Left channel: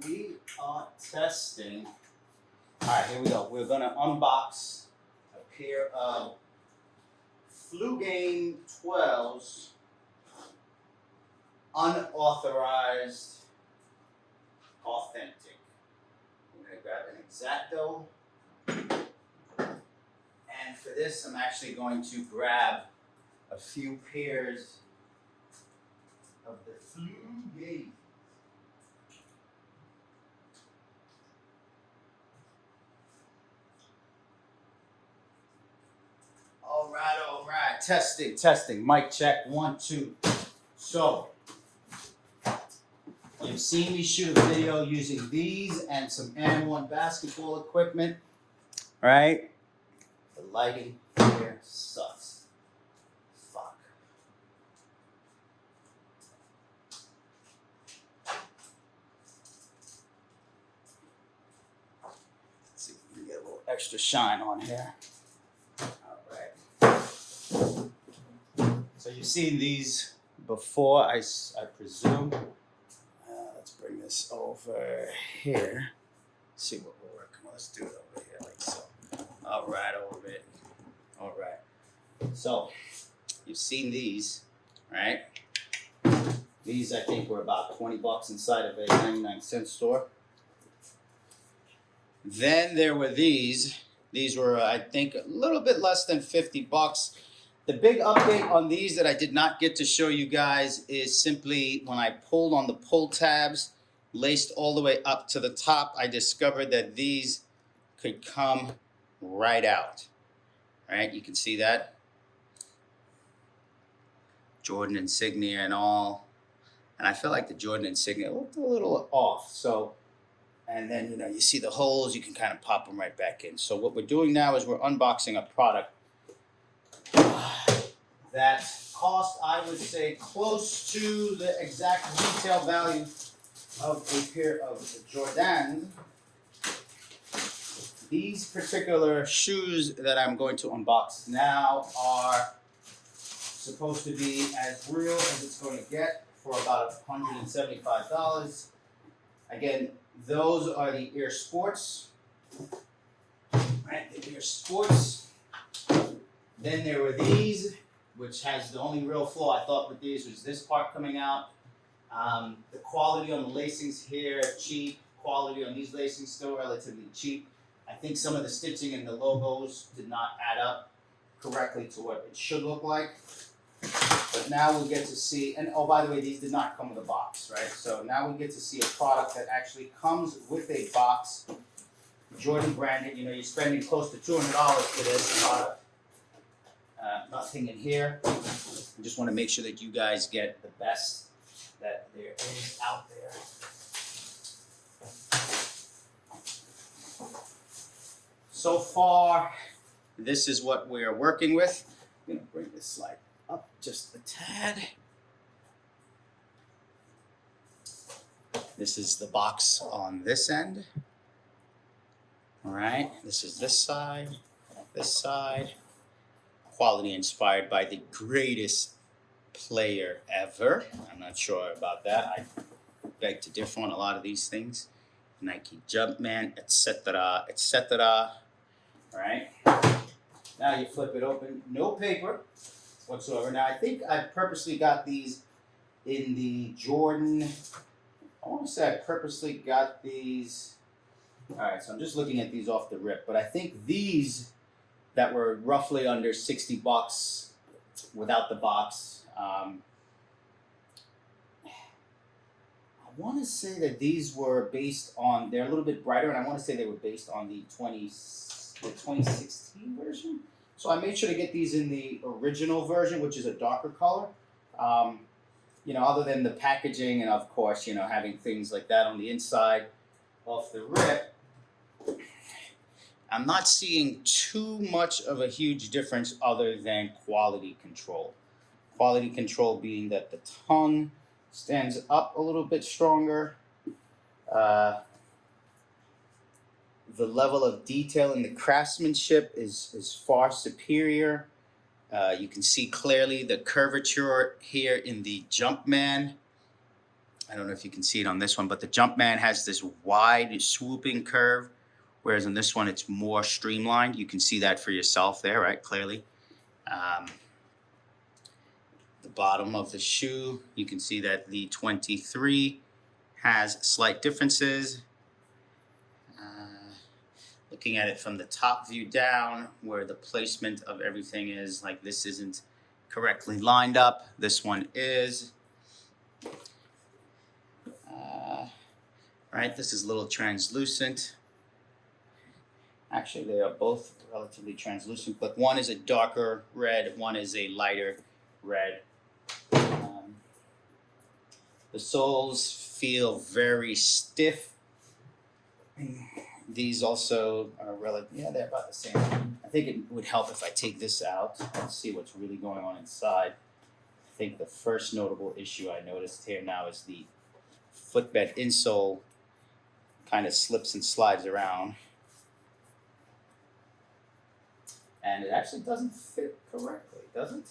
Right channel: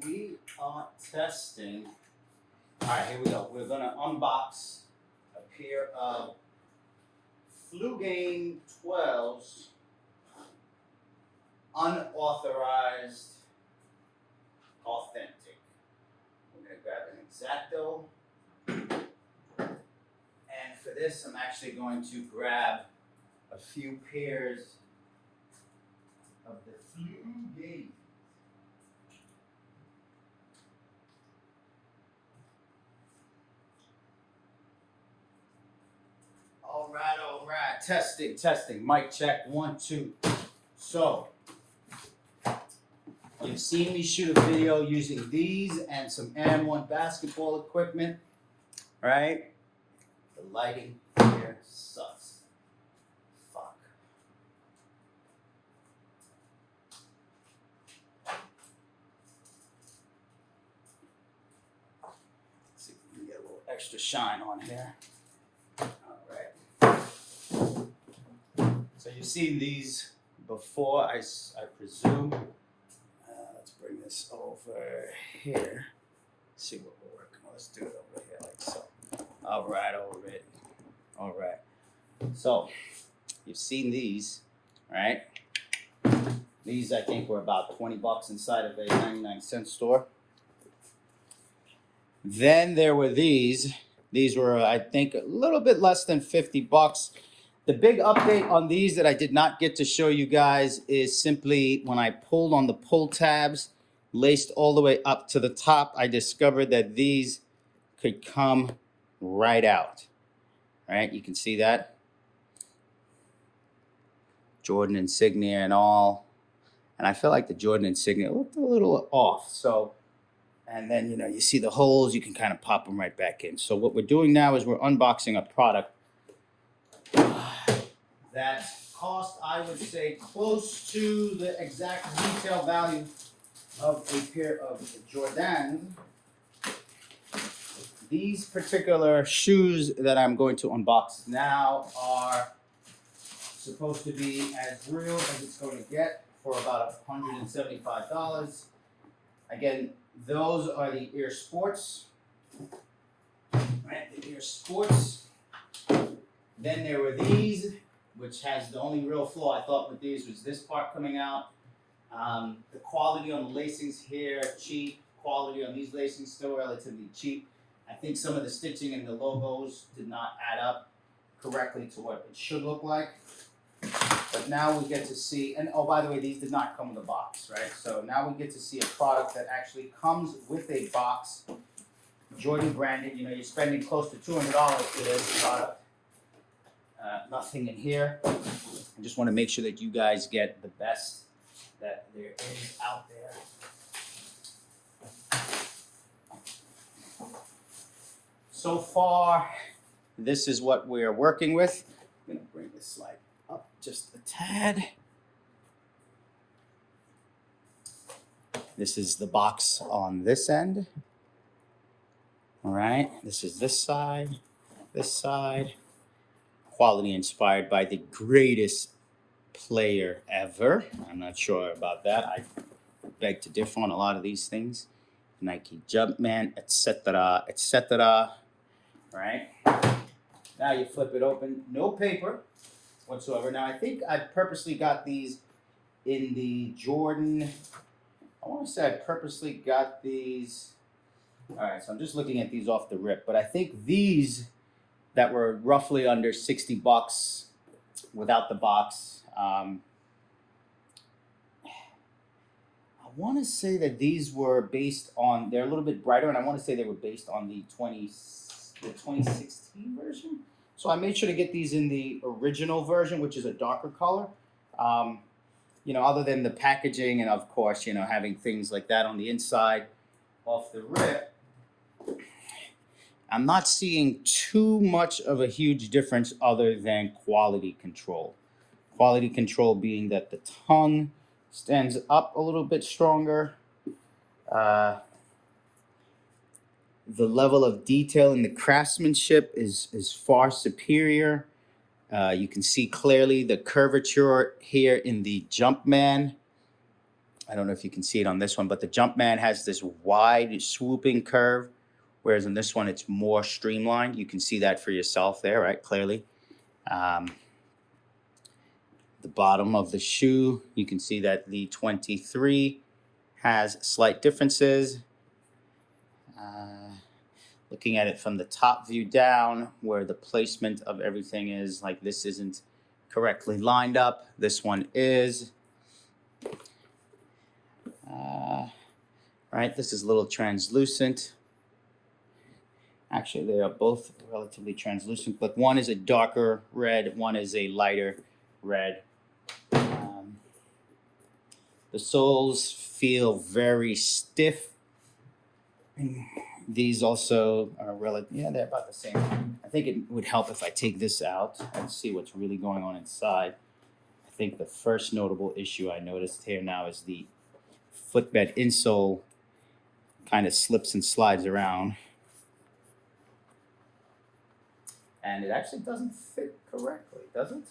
We are testing. All right, here we go. We're gonna unbox a pair of Flu Game 12s, unauthorized, authentic. I'm gonna grab an X-Acto, and for this, I'm actually going to grab a few pairs of the Flu Game. All right. Testing. Mic check, 1, 2. So, you've seen me shoot a video using these and some M1 basketball equipment, right? The lighting here sucks. Fuck. Let's see if we can get a little extra shine on here. So you've seen these before, I presume. Let's bring this over here. See what we're working on. Let's do it over here like so. All right. So you've seen these, right? These I think were about $20 inside of a 99-cent store. Then there were these. These were, I think, a little bit less than $50. The big update on these that I did not get to show you guys is simply when I pulled on the pull tabs, laced all the way up to the top, I discovered that these could come right out. All right, you can see that. Jordan insignia and all. And I feel like the Jordan insignia looked a little off. So, and then, you see the holes, you can kind of pop them right back in. So what we're doing now is we're unboxing a product that cost, I would say, close to the exact retail value of a pair of Jordans. These particular shoes that I'm going to unbox now are supposed to be as real as it's going to get for about $175. Again, those are the Air Sports. Right, the Air Sports. Then there were these, which has the only real flaw I thought with these was this part coming out. The quality on the lacings here, cheap. Quality on these lacings still relatively cheap. I think some of the stitching and the logos did not add up correctly to what it should look like. But now we get to see, and oh, by the way, these did not come with a box, right? So now we get to see a product that actually comes with a box, Jordan branded. You're spending close to $200 for this product. Nothing in here. I just want to make sure that you guys get the best that there is out there. So far, this is what we're working with. I'm going to bring this slide up just a tad. This is the box on this end. All right, this is this side. Quality inspired by the greatest player ever. I'm not sure about that. I beg to differ on a lot of these things. Nike Jumpman, etc., etc. Right? Now you flip it open. No paper whatsoever. Now I think I purposely got these in the Jordan. I want to say I purposely got these. All right, so I'm just looking at these off the rip, but I think these that were roughly under $60 without the box. I want to say that these were based on, they're a little bit brighter, and I want to say they were based on the 2016 version. So I made sure to get these in the original version, which is a darker color. Other than the packaging and, of course, having things like that on the inside off the rip, I'm not seeing too much of a huge difference other than quality control. Quality control being that the tongue stands up a little bit stronger. The level of detail in the craftsmanship is far superior. You can see clearly the curvature here in the Jumpman. I don't know if you can see it on this one, but the Jumpman has this wide swooping curve, whereas in this one it's more streamlined. You can see that for yourself there, right? Clearly. The bottom of the shoe, you can see that the 23 has slight differences. Looking at it from the top view down, where the placement of everything is, like this isn't correctly lined up. This one is. Right, this is a little translucent. Actually, they are both relatively translucent, but one is a darker red, one is a lighter red. The soles feel very stiff. These also are relatively, they're about the same. I think it would help if I take this out and see what's really going on inside. I think the first notable issue I noticed here now is the footbed insole kind of slips and slides around. And it actually doesn't fit correctly, does it?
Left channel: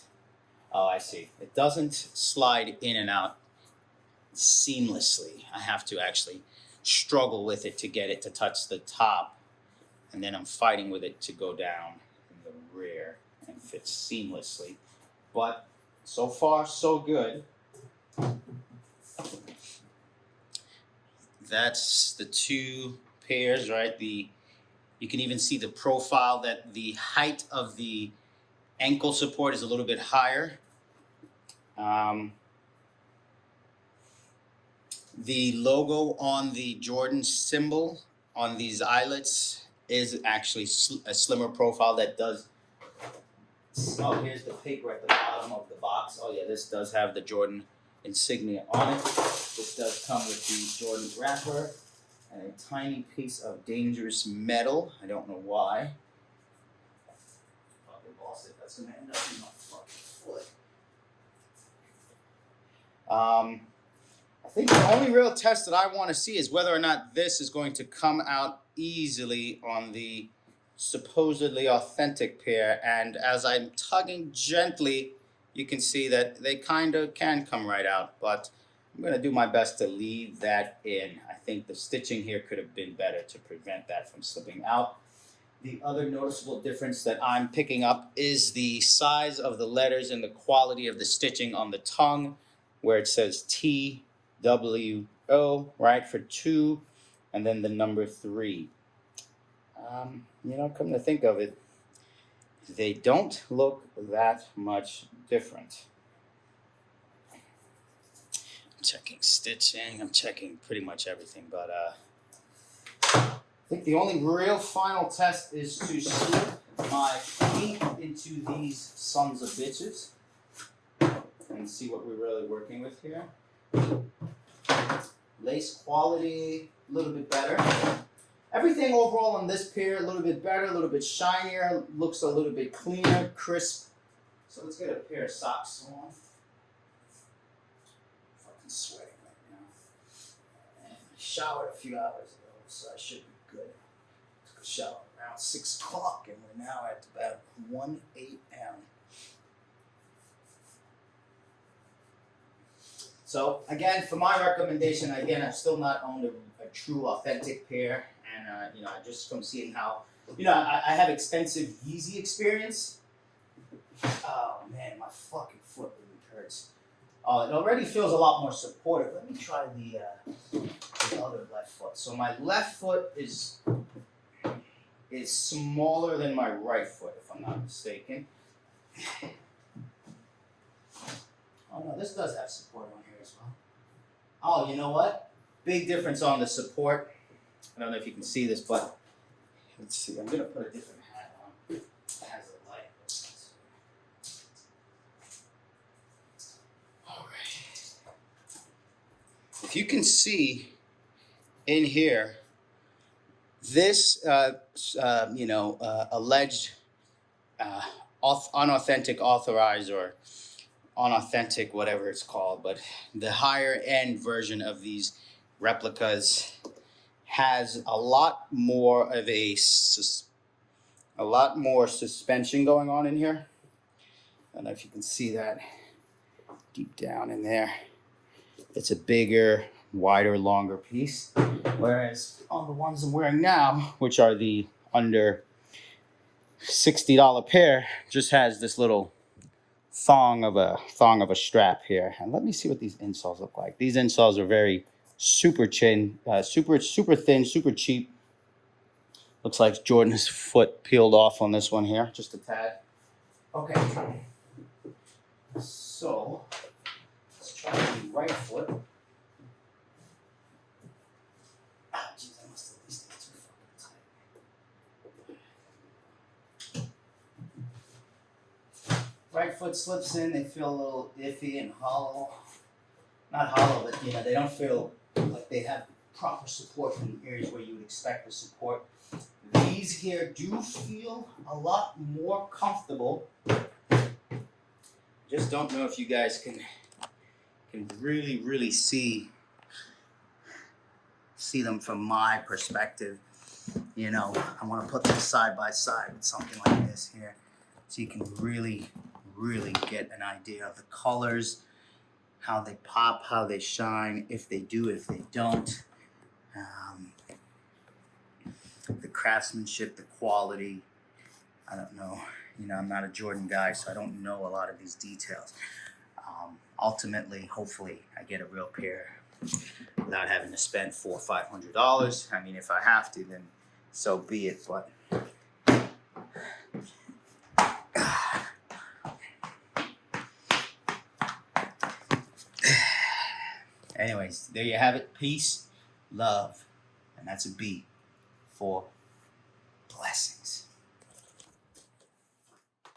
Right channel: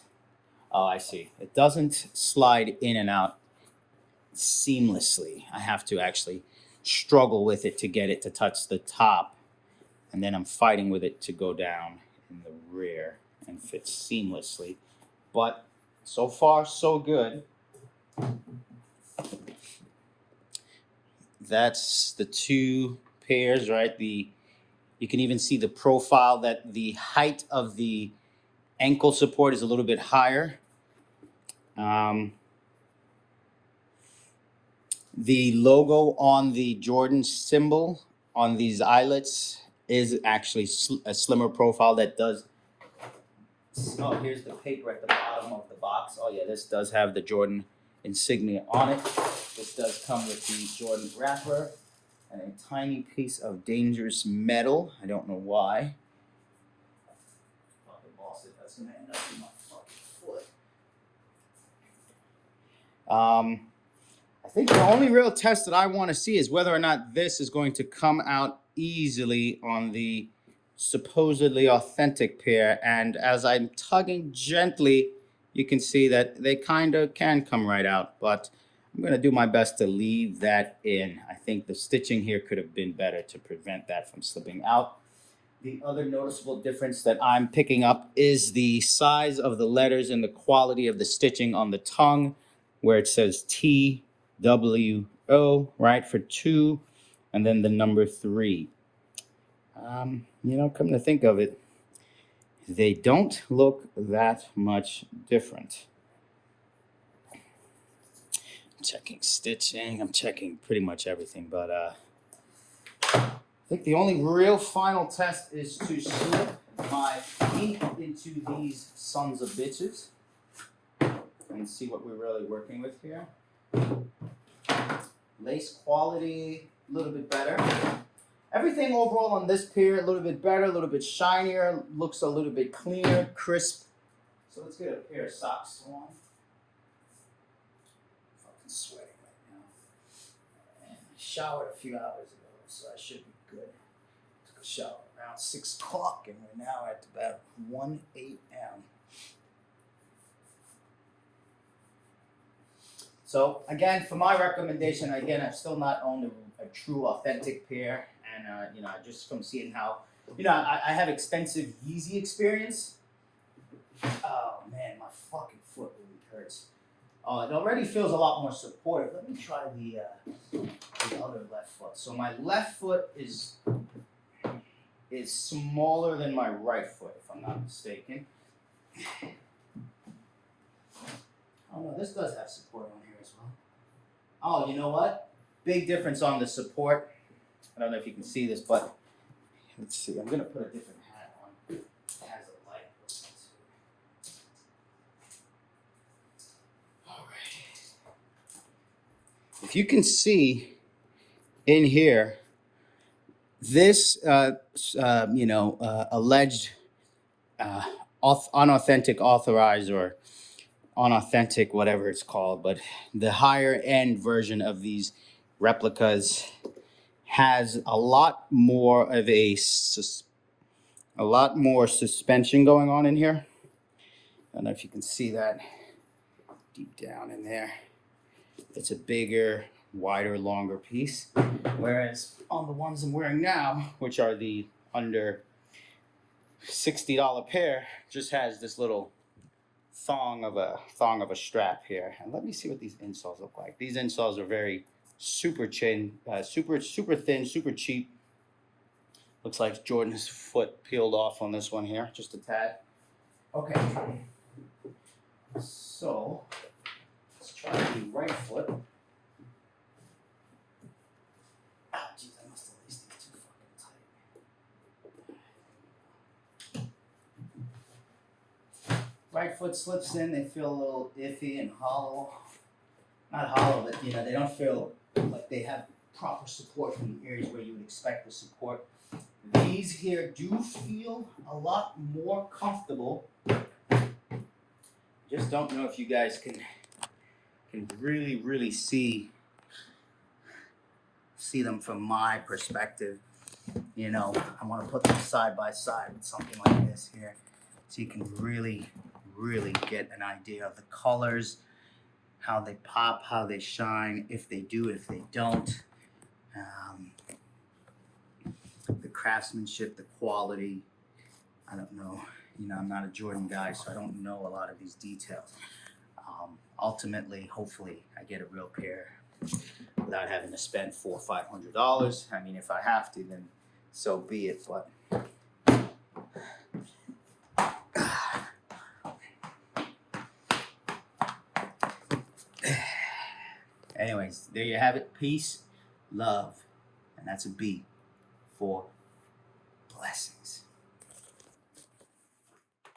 Oh, I see. It doesn't slide in and out seamlessly. I have to actually struggle with it to get it to touch the top. And then I'm fighting with it to go down in the rear and fit seamlessly. But so far, so good. That's the two pairs, right? You can even see the profile that the height of the ankle support is a little bit higher. The logo on the Jordan symbol on these eyelets is actually a slimmer profile that does. Oh, here's the paper at the bottom of the box. Oh yeah, this does have the Jordan insignia on it. This does come with the Jordan wrapper and a tiny piece of dangerous metal. I don't know why. Fucking lost it. That's gonna end up in my fucking foot. I think the only real test that I want to see is whether or not this is going to come out easily on the supposedly authentic pair. And as I'm tugging gently, you can see that they kind of can come right out, but I'm going to do my best to leave that in. I think the stitching here could have been better to prevent that from slipping out. The other noticeable difference that I'm picking up is the size of the letters and the quality of the stitching on the tongue, where it says TWO, right, for 2, and then the number 3. Come to think of it, they don't look that much different. I'm checking stitching, I'm checking pretty much everything, but I think the only real final test is to slip my feet into these sons of bitches and see what we're really working with here. Lace quality, a little bit better. Everything overall on this pair, a little bit better, a little bit shinier, looks a little bit cleaner, crisp. So let's get a pair of socks on. Fucking sweating right now. And I showered a few hours ago, so I should be good. Took a shower around 6 o'clock, and we're now at about 1 a.m. So again, for my recommendation, I've still not owned a true authentic pair, and just from seeing how, I have extensive Yeezy experience. Oh man, my fucking foot really hurts. Oh, it already feels a lot more supportive. Let me try the other left foot. So my left foot is smaller than my right foot, if I'm not mistaken. Oh no, this does have support on here as well. Oh, you know what? Big difference on the support. I don't know if you can see this, but let's see. I'm gonna put a different hat on. It has a light. All right. If you can see in here, this alleged unauthentic authorized or unauthentic, whatever it's called, but the higher end version of these replicas has a lot more of a lot more suspension going on in here. I don't know if you can see that deep down in there. it's a bigger, wider, longer piece. Whereas on the ones I'm wearing now, which are the under $60 pair, just has this little thong of a strap here. And let me see what these insoles look like. These insoles are very super super thin, super cheap. Looks like Jordan's foot peeled off on this one here, just a tad. Okay, so let's try the right foot. Ah, geez, I must have laced it too fucking tight. Right foot slips in, they feel a little iffy and hollow. Not hollow, but you know, they don't feel like they have proper support in areas where you would expect the support. These here do feel a lot more comfortable. Just don't know if you guys can really see them from my perspective. You know, I want to put them side by side with something like this here, so you can really get an idea of the colors, how they pop, how they shine, if they do, if they don't. The craftsmanship, the quality. I don't know. You know, I'm not a Jordan guy, so I don't know a lot of these details. Ultimately, hopefully, I get a real pair without having to spend $400 or $500. I mean, if I have to, then so be it. But anyways, there you have it. Peace, love, and that's a B for